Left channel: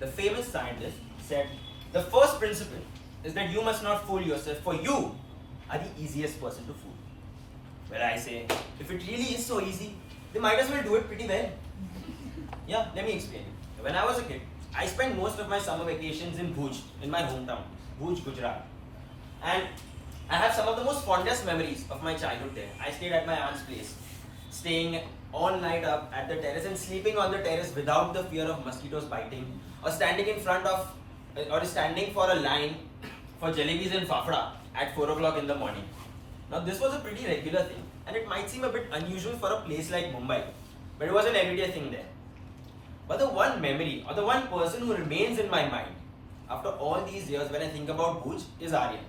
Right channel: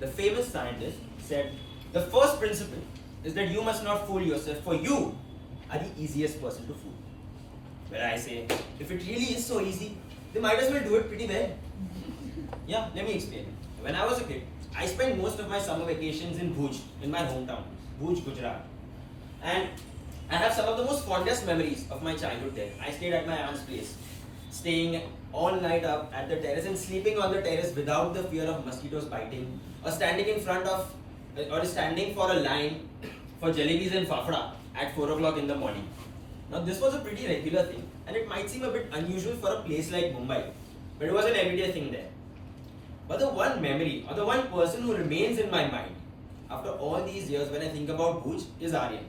the famous scientist, said, the first principle is that you must not fool yourself, for you are the easiest person to fool. Well, I say, if it really is so easy, they might as well do it pretty well. Yeah, let me explain. When I was a kid, I spent most of my summer vacations in Bhuj, in my hometown, Bhuj, Gujarat. And I have some of the most fondest memories of my childhood there. I stayed at my aunt's place, staying all night up at the terrace and sleeping on the terrace without the fear of mosquitoes biting, or standing for a line for jalebis and fafda at 4 o'clock in the morning. Now this was a pretty regular thing, and it might seem a bit unusual for a place like Mumbai, but it was an everyday thing there. But the one memory, or the one person who remains in my mind after all these years when I think about Bhuj, is Aryan.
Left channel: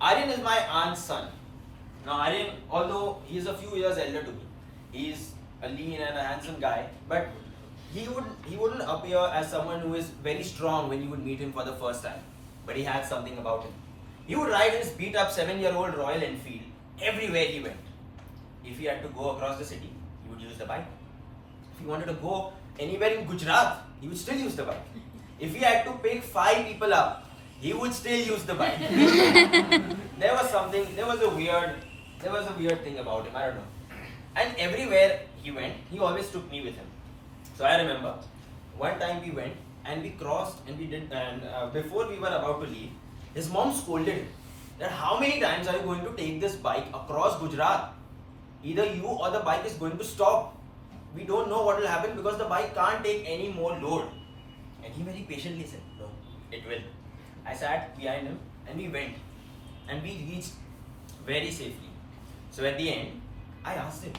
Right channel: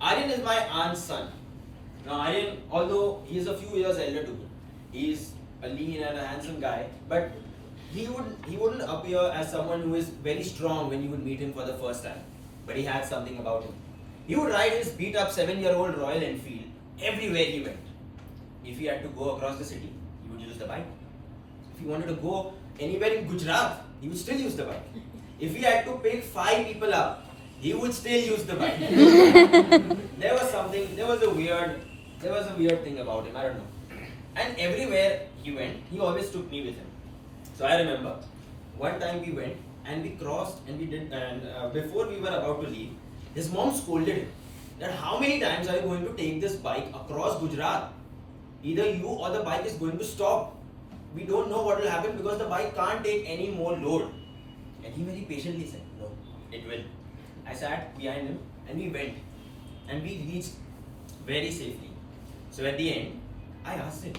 Aryan is my aunt's son. Now Aryan, although he is a few years elder to me, he is a lean and a handsome guy, but he wouldn't appear as someone who is very strong when you would meet him for the first time. But he had something about him. He would ride his beat-up 7-year-old Royal Enfield everywhere he went. If he had to go across the city, he would use the bike. If he wanted to go anywhere in Gujarat, he would still use the bike. If he had to pick 5 people up, he would still use the bike. There was a weird thing about him, I don't know. And everywhere he went, he always took me with him. So I remember, one time we went and we crossed and before we were about to leave, his mom scolded him that how many times are you going to take this bike across Gujarat? Either you or the bike is going to stop. We don't know what will happen because the bike can't take any more load. And he very patiently said, no, it will. I sat behind him and we went. And we reached very safely. So at the end, I asked him,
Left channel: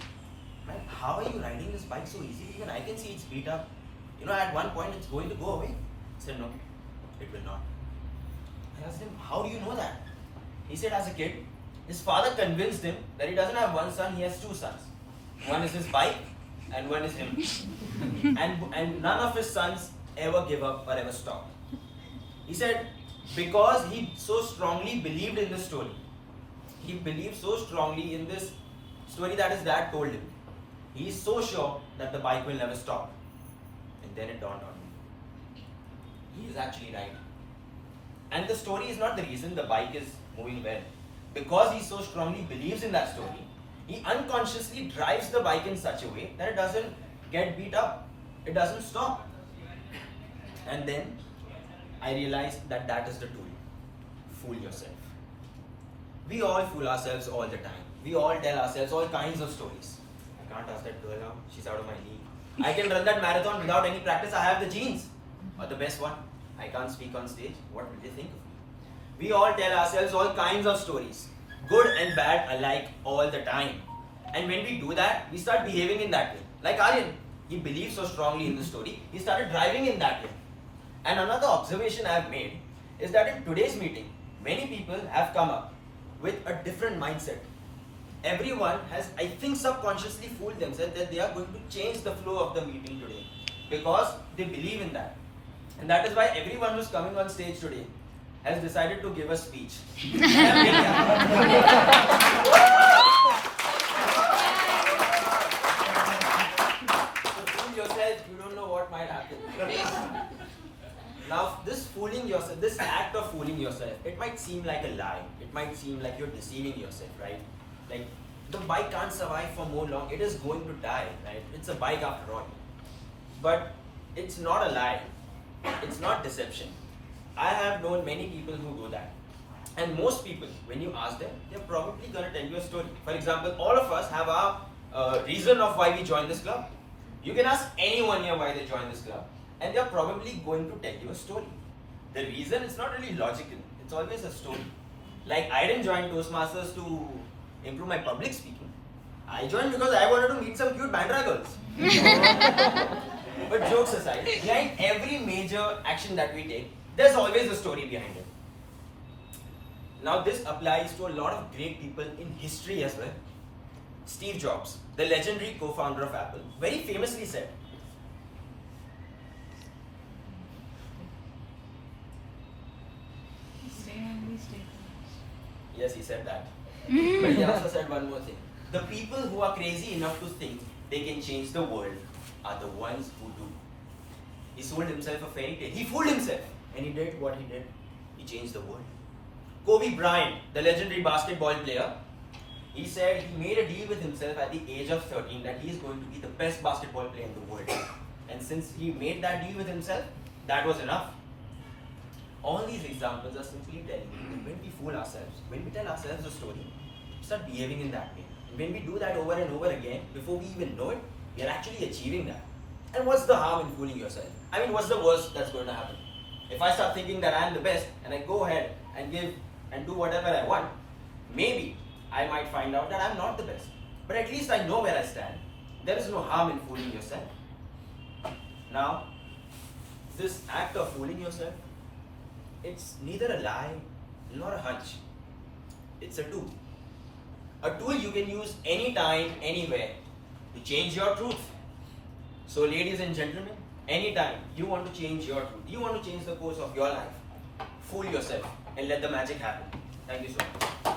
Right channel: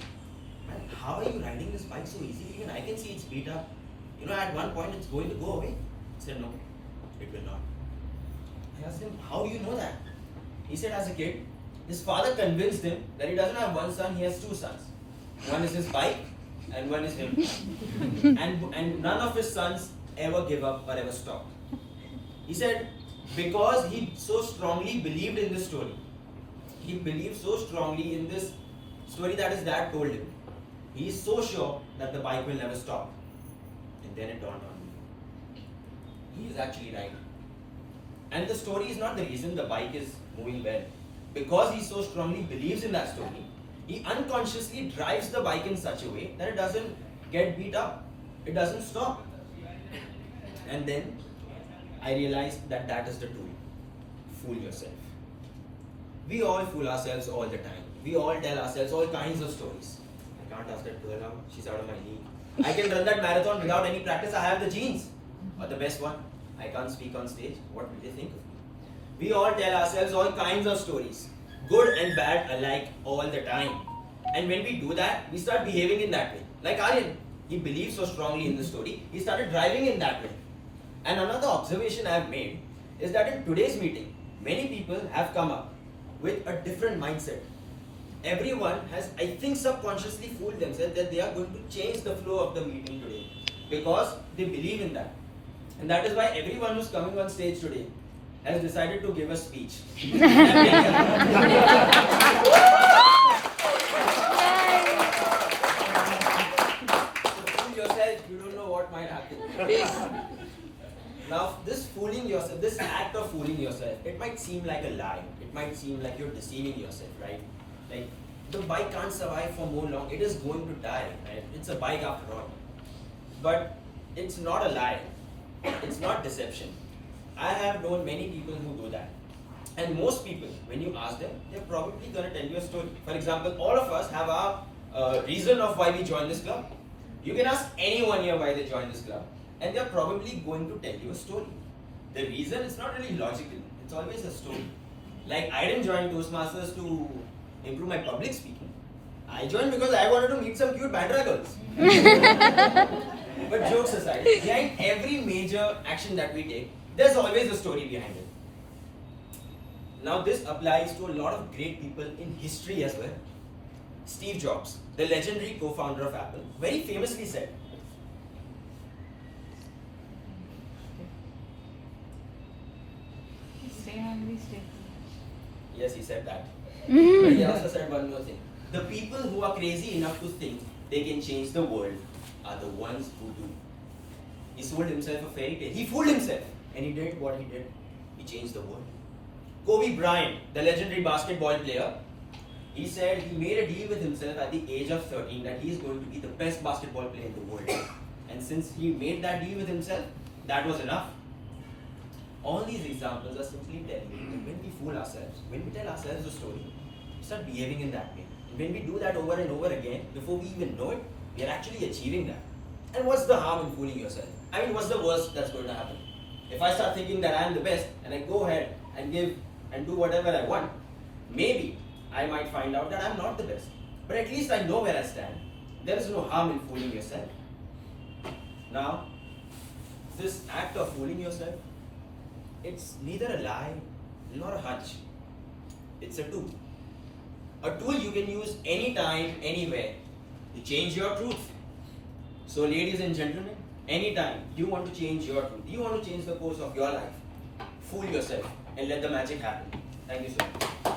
man, how are you riding this bike so easily? Even I can see it's beat up. At one point it's going to go away. He said, no, it will not. I asked him, how do you know that? He said, as a kid, his father convinced him that he doesn't have one son, he has 2 sons. One is his bike and one is him. and none of his sons ever give up or ever stop. He said, because he so strongly believed in this story. He believed so strongly in this story that his dad told him. He is so sure that the bike will never stop. And then it dawned on me. He is actually right. And the story is not the reason the bike is moving well. Because he so strongly believes in that story, he unconsciously drives the bike in such a way that it doesn't get beat up. It doesn't stop. And then I realized that that is the tool. Fool yourself. We all fool ourselves all the time. We all tell ourselves all kinds of stories. I can't ask that girl out. She's out of my league. I can run that marathon without any practice. I have the genes. Or the best one, I can't speak on stage. What will they think of me? We all tell ourselves all kinds of stories, good and bad alike, all the time. And when we do that, we start behaving in that way. Like Aryan, he believes so strongly in the story, he started driving in that way. And another observation I have made is that in today's meeting, many people have come up with a different mindset. Everyone has, I think, subconsciously fooled themselves that they are going to change the flow of the meeting today because they believe in that. And that is why everyone who's coming on stage today has decided to give a speech. So fool yourself, you don't know what might happen. Now, this act of fooling yourself, it might seem like a lie. It might seem like you're deceiving yourself, right? Like, the bike can't survive for more long. It is going to die, right? It's a bike after all. But it's not a lie. It's not deception. I have known many people who do that. And most people, when you ask them, they're probably going to tell you a story. For example, all of us have our reason of why we joined this club. You can ask anyone here why they joined this club, and they're probably going to tell you a story. The reason is not really logical. It's always a story. Like, I didn't join Toastmasters to improve my public speaking. I joined because I wanted to meet some cute Bandra girls. But jokes aside, behind every major action that we take, there's always a story behind it. Now this applies to a lot of great people in history as well. Steve Jobs, the legendary co-founder of Apple, very famously said, Stay hungry, stay yes, he said that. But he also said one more thing. The people who are crazy enough to think they can change the world are the ones who do. He sold himself a fairy tale. He fooled himself. And he did what he did. He changed the world. Kobe Bryant, the legendary basketball player, he said he made a deal with himself at the age of 13 that he is going to be the best basketball player in the world. And since he made that deal with himself, that was enough. All these examples are simply telling you that when we fool ourselves, when we tell ourselves a story, we start behaving in that way. And when we do that over and over again, before we even know it, we are actually achieving that. And what's the harm in fooling yourself? I mean, what's the worst that's going to happen? If I start thinking that I'm the best and I go ahead and give and do whatever I want, maybe I might find out that I'm not the best. But at least I know where I stand. There is no harm in fooling yourself. Now, this act of fooling yourself, it's neither a lie nor a hunch. It's a tool. A tool you can use anytime, anywhere to change your truth. So ladies and gentlemen, anytime you want to change your truth, you want to change the course of your life, fool yourself and let the magic happen. Thank you so much.